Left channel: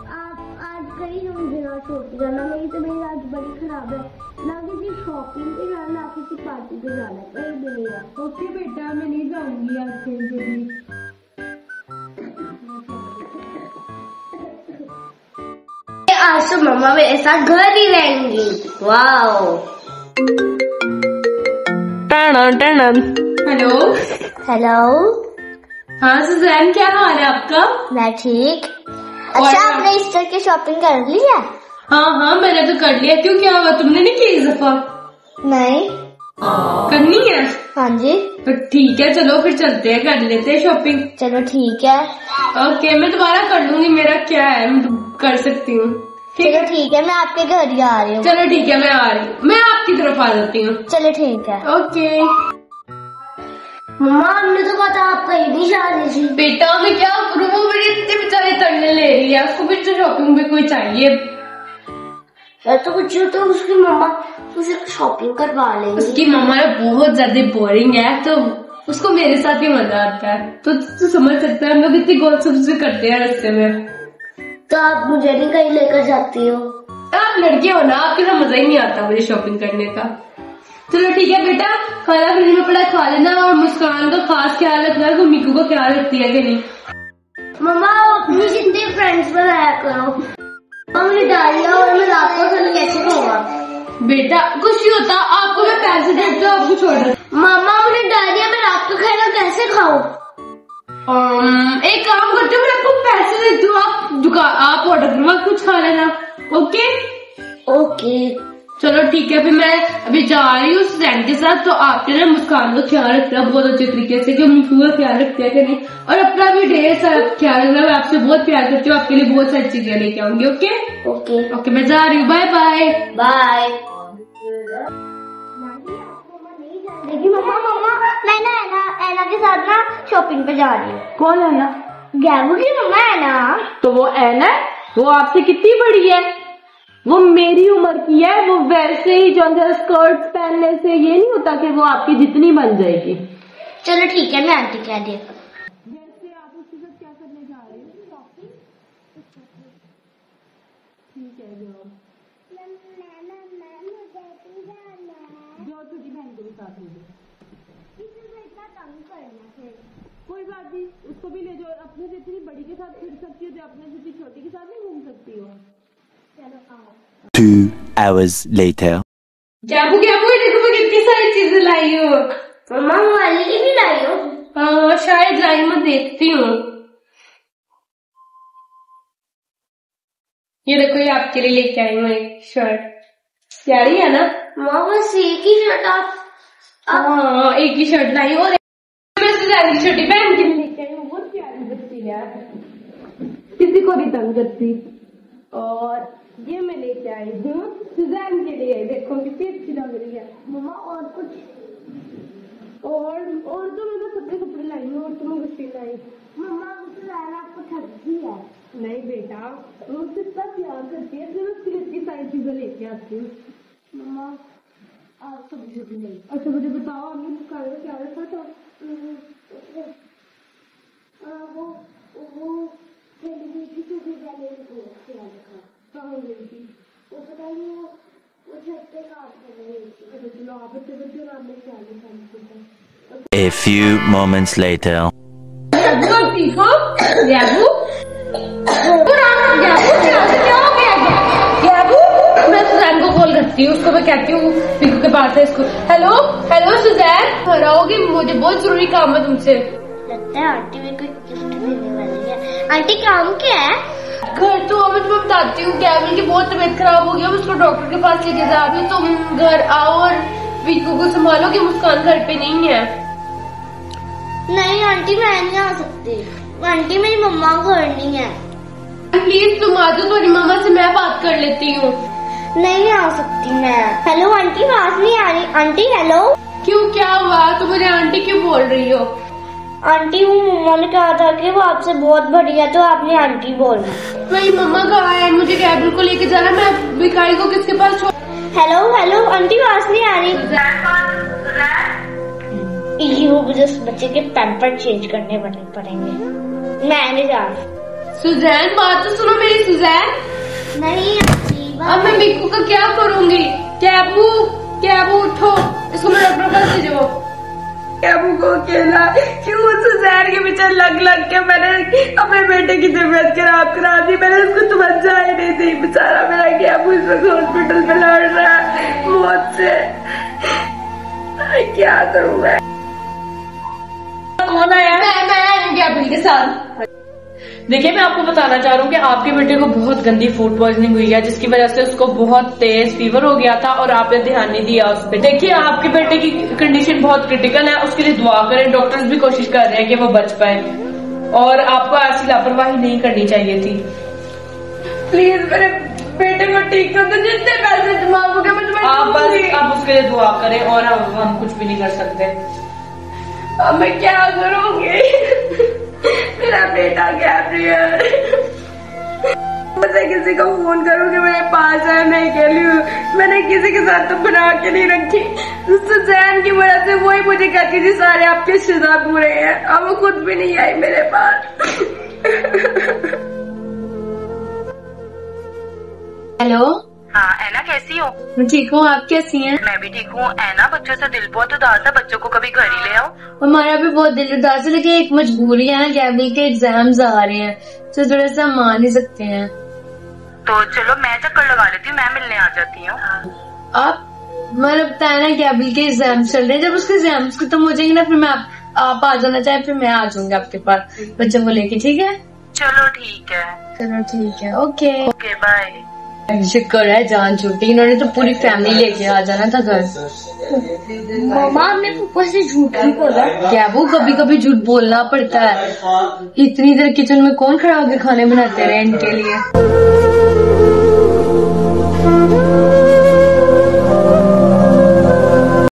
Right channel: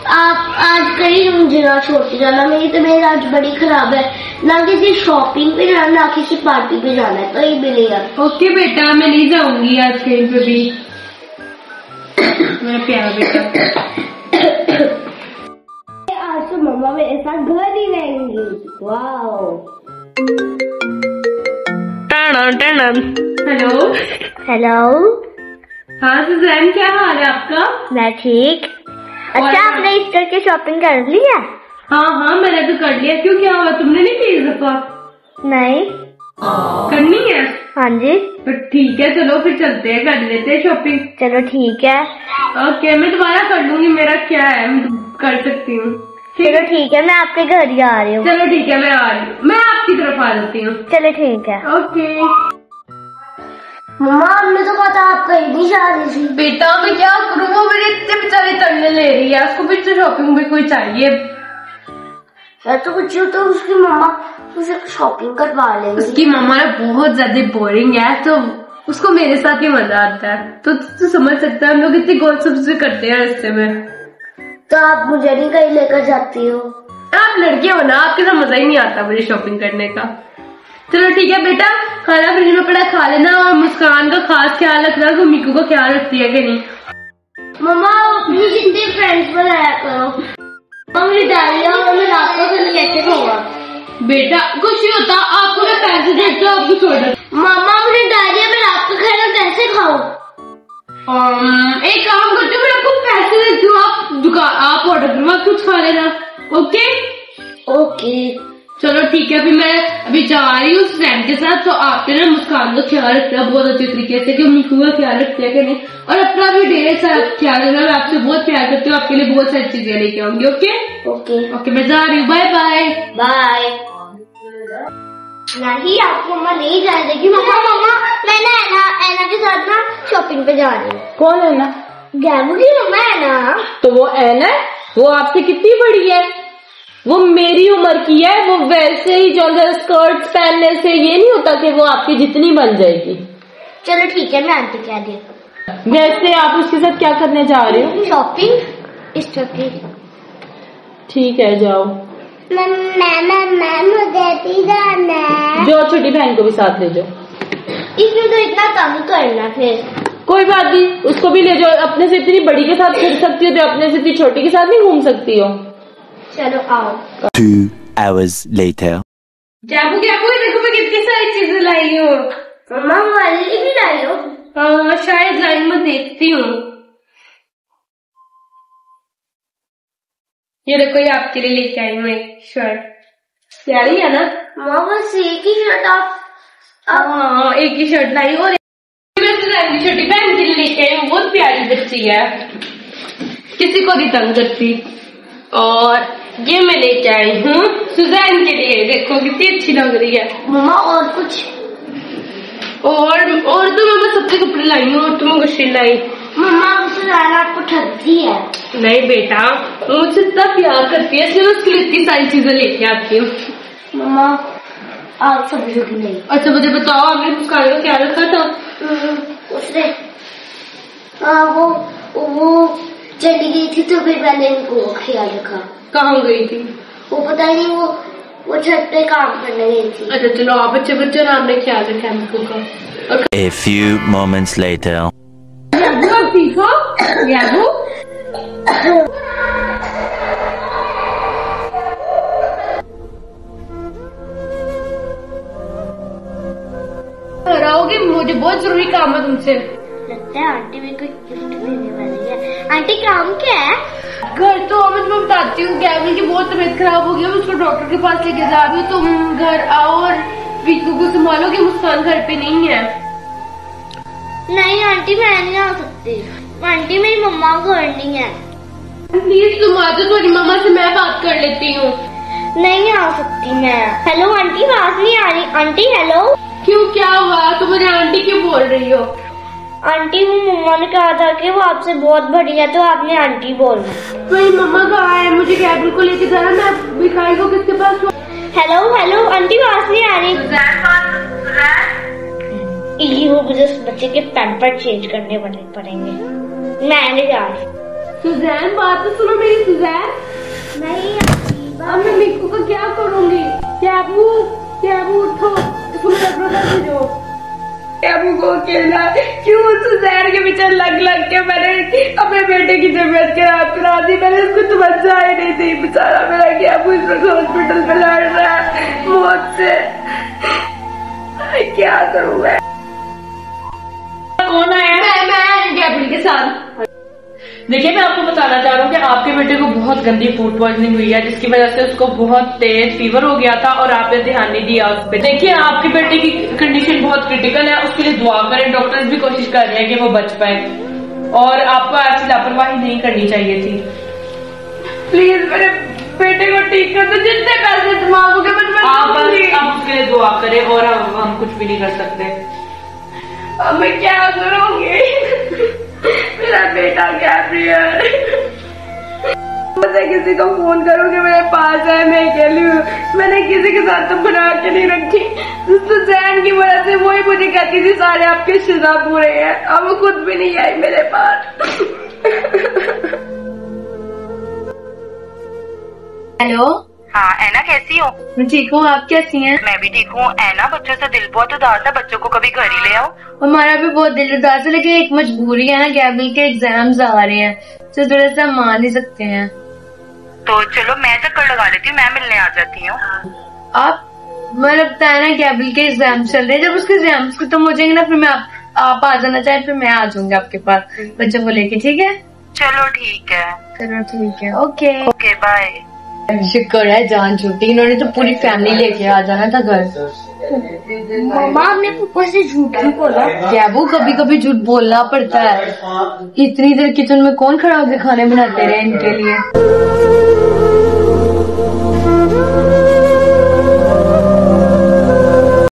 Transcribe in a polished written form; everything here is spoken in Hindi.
आप आज कहीं मुझे ना छोड़ के जाना, मेरी तबीयत आज बड़ी खराब है, ना किसी शॉपिंग पे जाना ना किसी पार्टी पे जाना है, कहीं भी नहीं है। ओके बेटा, मैं नहीं जाऊंगी आज कहीं पे भी। मेरा प्यारा बेटा, आज तो मम्मा मेरे साथ घर ही रहेंगी। वाओ। Hello hello. हाँ सुजैन, क्या हाल है आपका? मैं ठीक। अच्छा, आपने ईस्टर की शॉपिंग कर ली है? हाँ मैंने तो कर लिया। क्यों, क्या हुआ, तुमने नहीं की इस दफा? नहीं। करनी है? हाँ जी। तो ठीक है, चलो फिर चलते हैं, कर लेते हैं शॉपिंग। चलो ठीक है। ओके, मैं दोबारा कर लूंगी, मेरा क्या है, कर सकती हूँ। चलो ठीक है, मैं आपके घर ही आ रही हूँ। चलो ठीक है, मैं आ रही हूँ, मैं आपकी तरफ आ जाती हूँ। चलो ठीक है। ओके। मम्मा, हमने तो पता आप कहीं नहीं जा रही थी। बेटा मैं क्या करूँ, वो मेरे इतने बेचारे तंगे ले रही है, उसको भी तो शॉपिंग में कोई चाहिए। मैं तो कुछ तो उसकी मम्मा उसे शॉपिंग करवा लेंगी। उसकी मम्मा बहुत ज्यादा बोरिंग है, तो उसको मेरे साथ ही मजा आता है। तो तू समझ सकता है, हम लोग इतनी गॉसिप्स भी करते हैं रास्ते में। तो आप मुझे नहीं कहीं लेकर जाती हो? आप लड़के हो ना, आपके साथ मजा ही नहीं आता मुझे शॉपिंग करने का। चलो ठीक है बेटा, खाना फ्रिज में पड़ा खा लेना, और मुस्कान का खास ख्याल रखना कि मिकू का ख्याल रखती है कि नहीं। मम्मा, अपनी जितने फ्रेंड्स बनाया करो। मम्मी डालिया और मैं रात को खाना कैसे खाऊंगा? बेटा कुछ नहीं होता, आपको मैं पैसे देती हूँ, आपको छोड़ देती हूँ। मामा, मुझे डालिया में रात को खाना कैसे खाऊं? एक काम करते हो, मैं आपको पैसे देती हूँ, आप ऑर्डर करवा कुछ खा लेना। Okay okay. चलो ठीक है, अभी मैं अभी जा रही हूँ फ्रेंड के साथ, तो आपने ना मुस्कान का ख्याल रखना बहुत अच्छे तरीके से कि मिकू का ख्याल रखते हैं कि नहीं, और अपना भी ढेर सारा ख्याल रखना। मैं आपसे बहुत प्यार करती हूँ, आपके लिए बहुत सारी चीजें लेके आऊंगी। ओके ओके ओके, मैं जा रही हूँ, बाय बाय बाय। नहीं, आपको मम्मा नहीं जाने देगी। मम्मा मैं ना ऐना के साथ ना शॉपिंग पे जा रही हूँ। कौन है ना? गैबू की मम्मा है ना। तो वो ऐना है, वो आपसे कितनी बड़ी है? वो मेरी उम्र की है। वो वैसे ही जो स्कर्ट पहनने से ये नहीं होता कि वो आपकी जितनी बन जाएगी। चलो ठीक है, मैं आंटी कह दी। वैसे आप उसके साथ क्या करने जा रहे हो? शॉपिंग इस की। ठीक है, जाओ। मैं मुझे भी जाना है। जो छोटी बहन को भी साथ ले जाओ। इसमें तो इतना तंग करना, फिर कोई बात नहीं, उसको भी ले जाओ। अपने से इतनी बड़ी के साथ फिर सकती हो, तो अपने से इतनी छोटी के साथ नहीं घूम सकती हो। चलो आओ। 2 hours later. गैबू देखो मैं कितनी सारी चीजें लाई हूँ। मम्मा, मोबाइल की भी लाई हो? शायद लाई, मैं देखती हूँ। ये देखो, ये आपके लिए लेके आई हूँ एक शर्ट, प्यारी है ना? माँ, बस एक ही शर्ट आप? हाँ, एक ही शर्ट लाई, और मैं सुजैन की छोटी बहन के लिए लेके आई हूँ, बहुत प्यारी बच्ची है, किसी को नहीं तंग करती। और ये मैं लेके आई हूँ सुजैन के लिए, देखो कितनी अच्छी लग रही है। मम्मा, और कुछ? और तो मैं बस अपने कपड़े लाई हूँ, और तुम कुछ नहीं लाई। मम्मा, सुजैन आपको ठगती है। नहीं बेटा, वो मुझसे इतना प्यार करती है, इसलिए उसके लिए इतनी सारी चीजें लेके आती हूँ। मम्मा, आप समझो कि नहीं? अच्छा मुझे बताओ, आपने मुस्कान का क्या रखा था? उसने वो चली गई थी, तो फिर मैंने इनको ख्याल रखा। कहाँ गई थी? वो पता नहीं, वो छत पे काम करने गई थी। अच्छा चलो, आप बच्चे और आपने ख्याल रखा है मिकू का। A few moments later. आप ठीक हो? गैबू मैं सुजैन को कॉल करती हूँ, उसको मैं कहती हूँ मिकू के पास है इसको। हेलो सुजैन, आओगे? मुझे बहुत जरूरी काम है तुमसे। लगता है आंटी मेरे को गिफ्ट देने वाली है। आंटी, काम क्या है? घर तो अब मैं बताती हूँ। गैबू की बहुत तबीयत खराब हो गई, अब उसको डॉक्टर के पास लेके जा रही हूँ। तुम घर आओ और मिकू को संभालो कि मुस्कान घर पे नहीं है। नहीं आंटी, मैं नहीं आ सकती। आंटी, मेरी मम्मा घर नहीं है। प्लीज तुम आ जाओ, तुम्हारी मम्मा से मैं बात कर लेती हूँ। नहीं आ सकती मैं। हेलो आंटी, आवाज नहीं आ रही। Aunty hello. क्यों, क्या हुआ? तुम मुझे आंटी क्यों बोल रही हो? आंटी, वो मम्मा ने कहा था कि वो आपसे बहुत बड़ी है, तो आपने आंटी बोलना। मेरी मम्मा कहाँ है? मुझे गैबू को लेके जाना, मैं भिखारी को किसके पास छोड़? हेलो आंटी, आवाज नहीं आ रही। वो मुझे उस बच्चे के पैम्पर चेंज करने पड़ेंगे। मैं नहीं जा रही। सुजैन बात तो सुनो मेरी सुजैन। नहीं अब मैं मिक्कू का क्या करूंगी? कैबू कैबू उठो, इसको मैं डॉक्टर पास ले जाओ। कैबू को अकेला क्यों सुजैन के पीछे लग के मैंने अपने बेटे की तबीयत खराब करा दी। मैंने उसको समझा ही नहीं थी। बेचारा मेरा कैबू इस वक्त हॉस्पिटल में लड़ रहा है मौत से। क्या करूँ मैं? कौन आया? मैं कैबू के साथ। देखिए मैं आपको बताना चाह रहा हूँ कि आपके बेटे को बहुत गंदी फूड पॉइजनिंग हुई है, जिसकी वजह से उसको बहुत तेज फीवर हो गया था और आपने ध्यान नहीं दिया उस पर। देखिए आपके बेटे की कंडीशन बहुत क्रिटिकल है, उसके लिए दुआ करें। डॉक्टर्स भी कोशिश कर रहे हैं कि वो बच पाए और आपको ऐसी लापरवाही नहीं करनी चाहिए थी। प्लीज मेरे बेटे को ठीक कर दो। जितने पैसे जमा हो गए आप उसके लिए दुआ करें और हम कुछ भी नहीं कर सकते। अब मैं क्या करूँगी? मेरा बेटा गैब्रियल। मुझे किसी को फोन करूँ कि मेरे पास है, मैं अकेली हूँ। मैंने किसी के साथ तो बना के नहीं रखी। सुजैन की वजह से वही मुझे कहती थी सारे आपके रिश्तेदार पूरे हैं। अब वो खुद भी नहीं आई मेरे पास। हेलो। हाँ ऐना कैसी हो? मैं ठीक हूँ, आप कैसी हैं? मैं भी ठीक हूँ। ऐना बच्चों से दिल बहुत उदास है, बच्चों को कभी घर ही ले आओ। हमारा भी बहुत दिल उदास है, लेकिन एक मजबूरी है ना, गैबल के एग्जाम्स आ रहे हैं तो थोड़ा सा मान ही सकते हैं। तो चलो मैं चक्कर लगा लेती हूँ, मैं मिलने आ जाती हूँ। आप मैंने बताया ना गैबल के एग्जाम्स चल रहे हैं, जब उसके एग्जाम्स खत्म हो जाएंगे ना फिर मैं आप आ जाना चाहे फिर मैं आ जाऊंगी आपके पास बच्चों को लेके। ठीक है? चलो ठीक है। चलो ठीक है। Okay okay bye. शुक्र है जान छूटी, इन्होंने तो पूरी फैमिली लेके आ जाना था घर। मामा हमने पापा से झूठ नहीं बोला। क्या वो कभी कभी झूठ बोलना पड़ता है। इतनी देर किचन में कौन खड़ा होकर खाने बनाते रहे इनके लिए।